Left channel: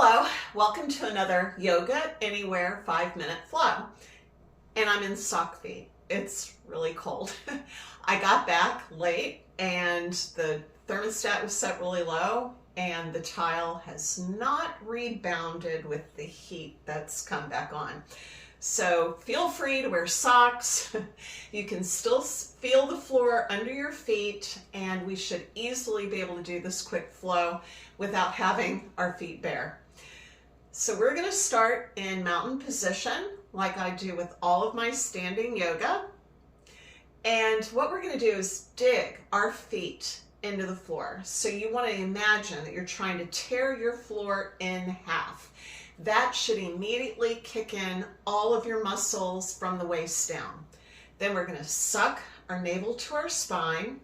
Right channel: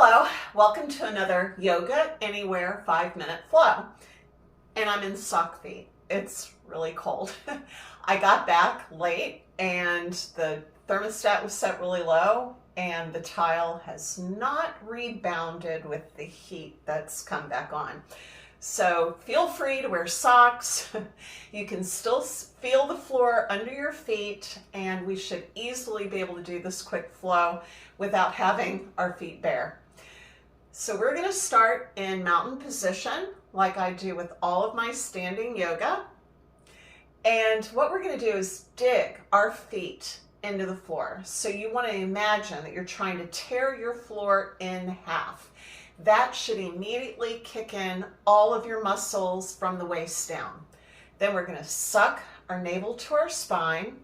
Hello, welcome to another Yoga Anywhere 5-minute flow. And I'm in sock feet. It's really cold. I got back late and the thermostat was set really low and the tile has not rebounded with the heat that's come back on. So feel free to wear socks. You can still feel the floor under your feet, and we should easily be able to do this quick flow without having our feet bare. So we're going to start in mountain position like I do with all of my standing yoga. And what we're going to do is dig our feet into the floor. So you want to imagine that you're trying to tear your floor in half. That should immediately kick in all of your muscles from the waist down. Then we're going to suck our navel to our spine.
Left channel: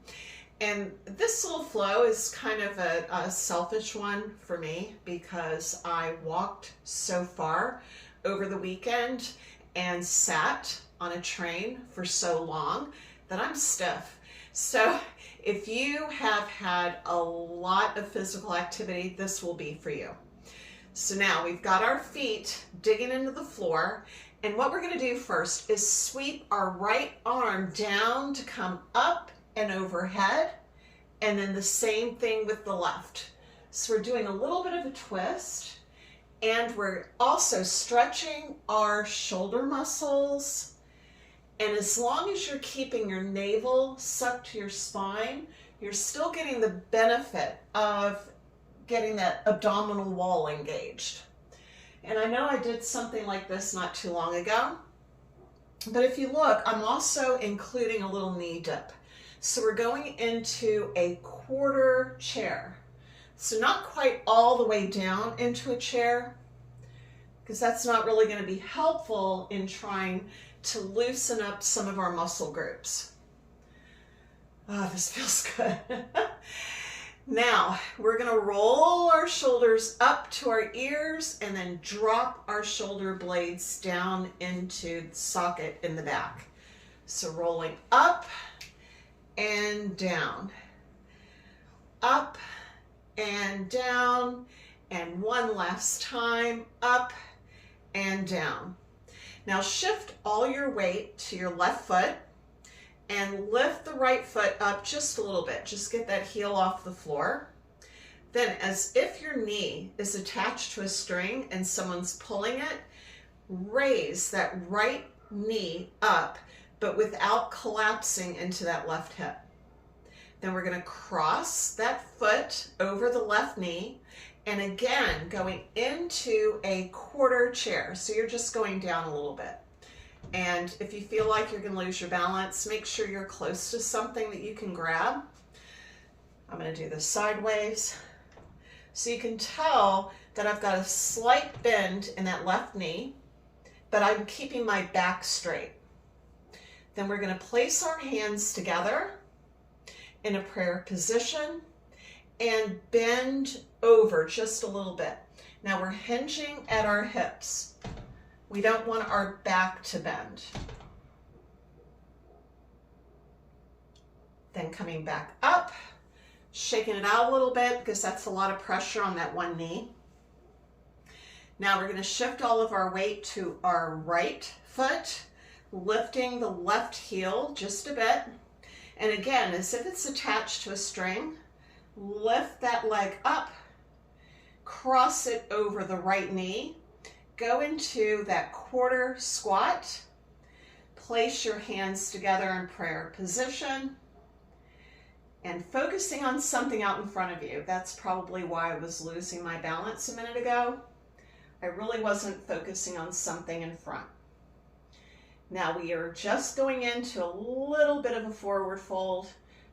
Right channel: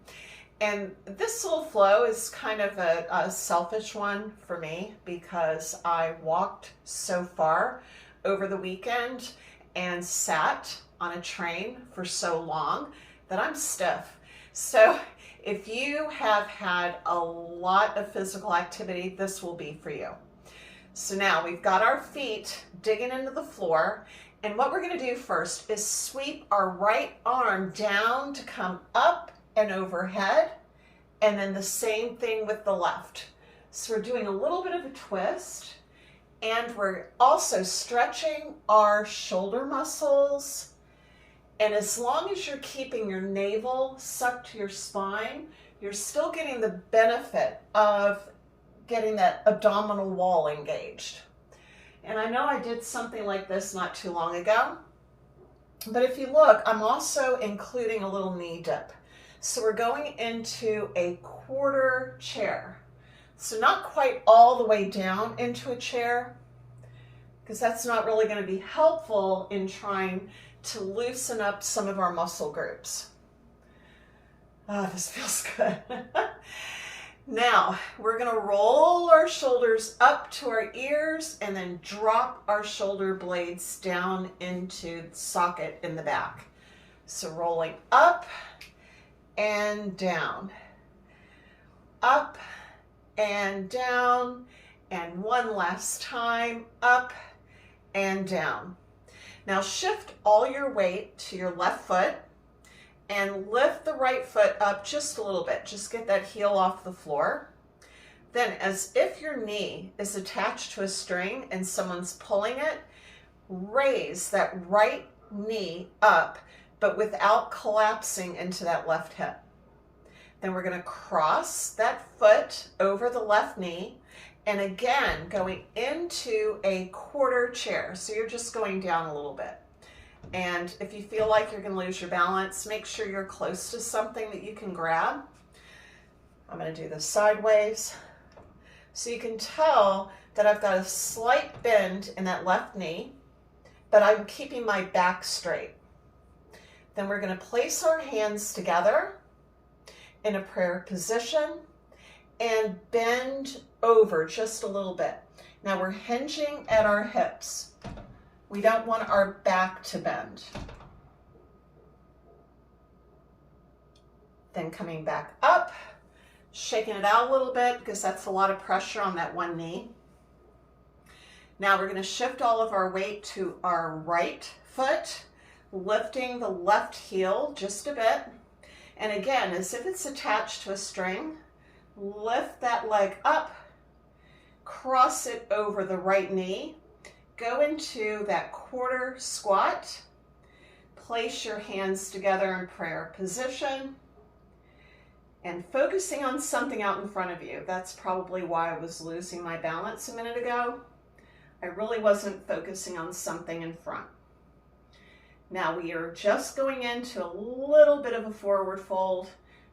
And this little flow is kind of a selfish one for me because I walked so far over the weekend and sat on a train for so long that I'm stiff. So if you have had a lot of physical activity, this will be for you. So now we've got our feet digging into the floor, and what we're going to do first is sweep our right arm down to come up and overhead, and then the same thing with the left. So we're doing a little bit of a twist, and we're also stretching our shoulder muscles, and as long as you're keeping your navel sucked to your spine, you're still getting the benefit of getting that abdominal wall engaged. And I know I did something like this not too long ago, but if you look, I'm also including a little knee dip. So we're going into a quarter chair. So not quite all the way down into a chair, because that's not really going to be helpful in trying to loosen up some of our muscle groups. Oh, this feels good. Now, we're going to roll our shoulders up to our ears and then drop our shoulder blades down into the socket in the back. So rolling up and down, up and down, and one last time, up and down. Now shift all your weight to your left foot and lift the right foot up just a little bit. Just get that heel off the floor. Then, as if your knee is attached to a string and someone's pulling it, raise that right knee up, but without collapsing into that left hip. Then we're going to cross that foot over the left knee, and again, going into a quarter chair. So you're just going down a little bit. And if you feel like you're going to lose your balance, make sure you're close to something that you can grab. I'm going to do this sideways. So you can tell that I've got a slight bend in that left knee, but I'm keeping my back straight. Then we're going to place our hands together in a prayer position and bend over just a little bit. Now we're hinging at our hips. We don't want our back to bend. Then coming back up, shaking it out a little bit because that's a lot of pressure on that one knee. Now we're going to shift all of our weight to our right foot, lifting the left heel just a bit. And again, as if it's attached to a string, lift that leg up, cross it over the right knee, go into that quarter squat, place your hands together in prayer position, and focusing on something out in front of you. That's probably why I was losing my balance a minute ago. I really wasn't focusing on something in front. Now we are just going into a little bit of a forward fold,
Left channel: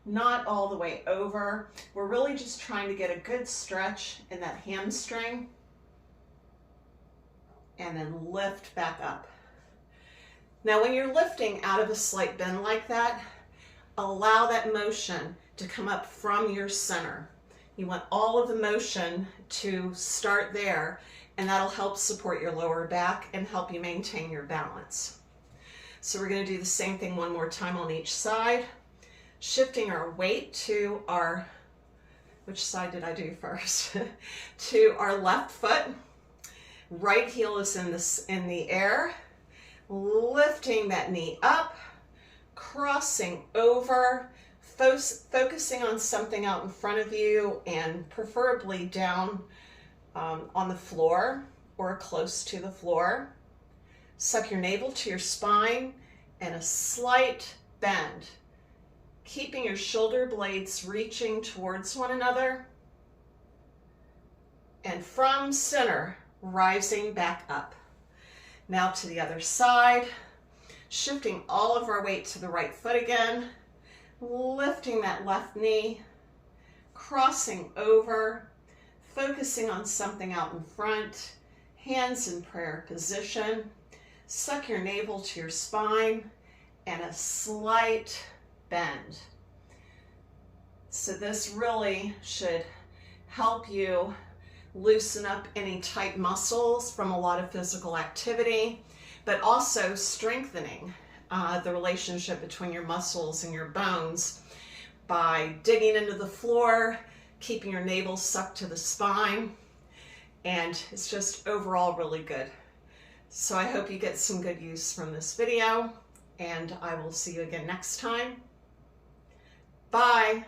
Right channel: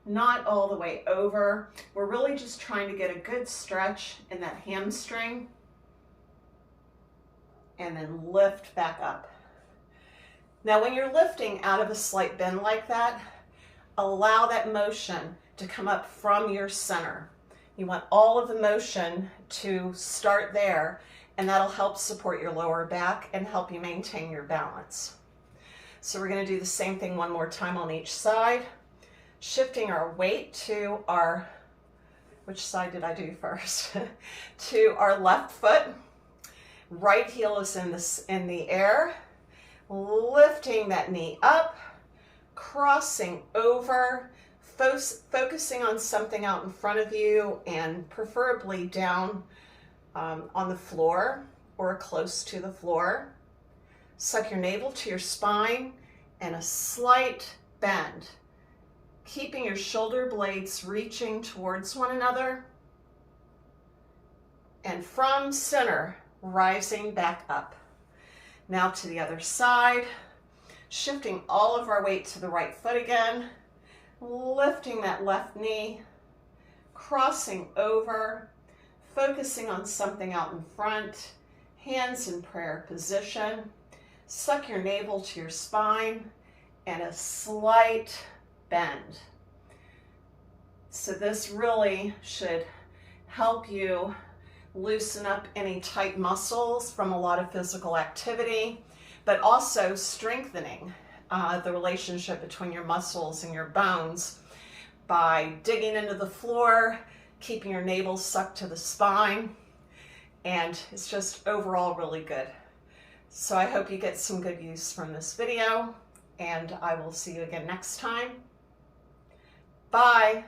not all the way over. We're really just trying to get a good stretch in that hamstring, and then lift back up. Now when you're lifting out of a slight bend like that, allow that motion to come up from your center. You want all of the motion to start there, and that'll help support your lower back and help you maintain your balance. So we're going to do the same thing one more time on each side, shifting our weight to our, which side did I do first? To our left foot. Right heel is in the air, lifting that knee up, crossing over, focusing on something out in front of you and preferably down on the floor or close to the floor. Suck your navel to your spine and a slight bend, keeping your shoulder blades reaching towards one another. And from center, rising back up. Now to the other side, shifting all of our weight to the right foot again, lifting that left knee, crossing over, focusing on something out in front, hands in prayer position. Suck your navel to your spine and a slight bend. So this really should help you loosen up any tight muscles from a lot of physical activity, but also strengthening the relationship between your muscles and your bones by digging into the floor, keeping your navel sucked to the spine, and it's just overall really good. So I hope you get some good use from this video, and I will see you again next time. Bye.